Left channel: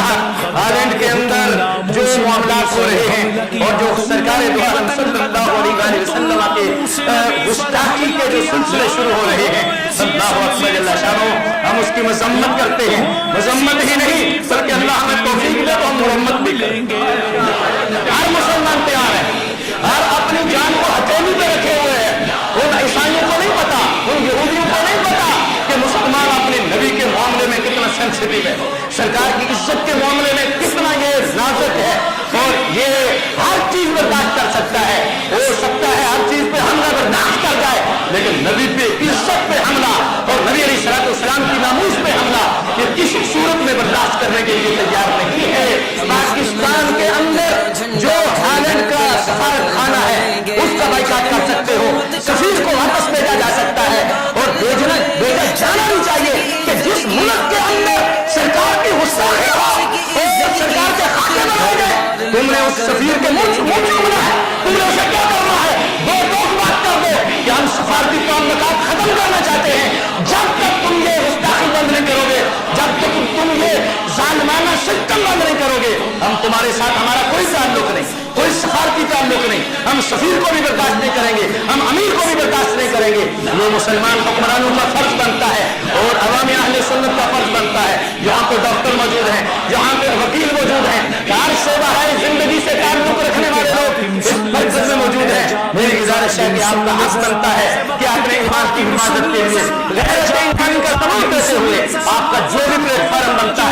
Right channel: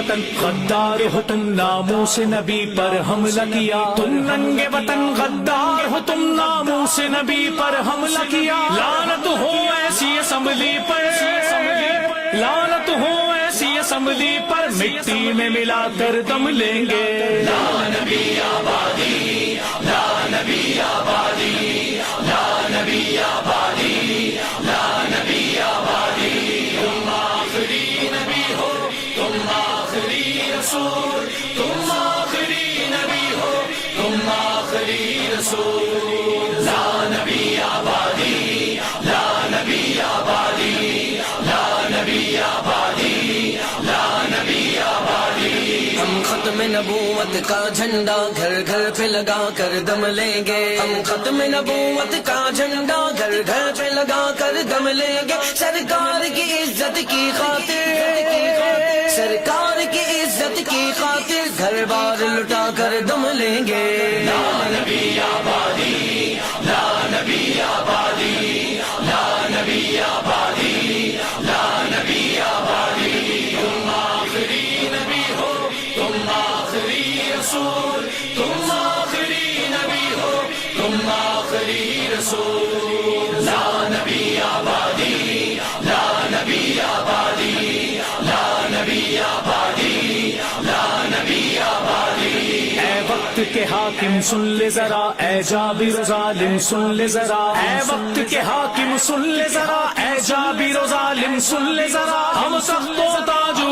वतन गद्दार हो तुम, नामूस नबी पर हमला किया। तुम नंगे वतन गद्दार हो तुम, नामूस नबी पर हमला किया। लानत हो ऐसी असम्बली पर, लानत हो ऐसी असम्बली पर, मिट्टी में मिलाकर दम लेंगे। सरकार की इज्जत के मामले में कितना ये नाजुक है और ये हर चीज बर्दाश्त कर सकता है, हो सकता है हर चीज पे हमला बर्दाश्त कर जाए, लेकिन नबी पे इज्जत पे हमला और नबी अलैहिस्सलाम की नामूस पे हमला ये किसी सूरत में बर्दाश्त करने के लिए तैयार नहीं है। हम खत्म नबूवत का झंडा घर घर पे लगा कर दम लेंगे। खत्म नबूवत का झंडा घर घर पे लगा कर दम लेंगे। सरकार की इज्जत की खातिर, सरकार की इज्जत की खातिर घर बार लुटा कर दम लेंगे। तुम्हारे साथ हमारा कोई ताल्लुक नहीं, कोई सफारती ताल्लुक नहीं, हम सफीर को भी बर्दाश्त नहीं करेंगे, हम अमीर को भी बर्दाश्त नहीं करेंगे। जो मुसलमान हुक्मरान का फर्ज बनता है और अवामी अहले सुन्नत का फर्ज बनता है, यहाँ तो डॉक्टर मौजूद है, यहाँ पे वकील मौजूद है, कार से बाहर जिंदगी से ऐ वक्त के हाकिम सुन ले जरा, ऐ जाबिर जालिम सुन ले जरा, ऐ वक्त के हाकिम सुन ले जरा, ऐ जाबिर जालिम सुन ले जरा। हम सबको बाजू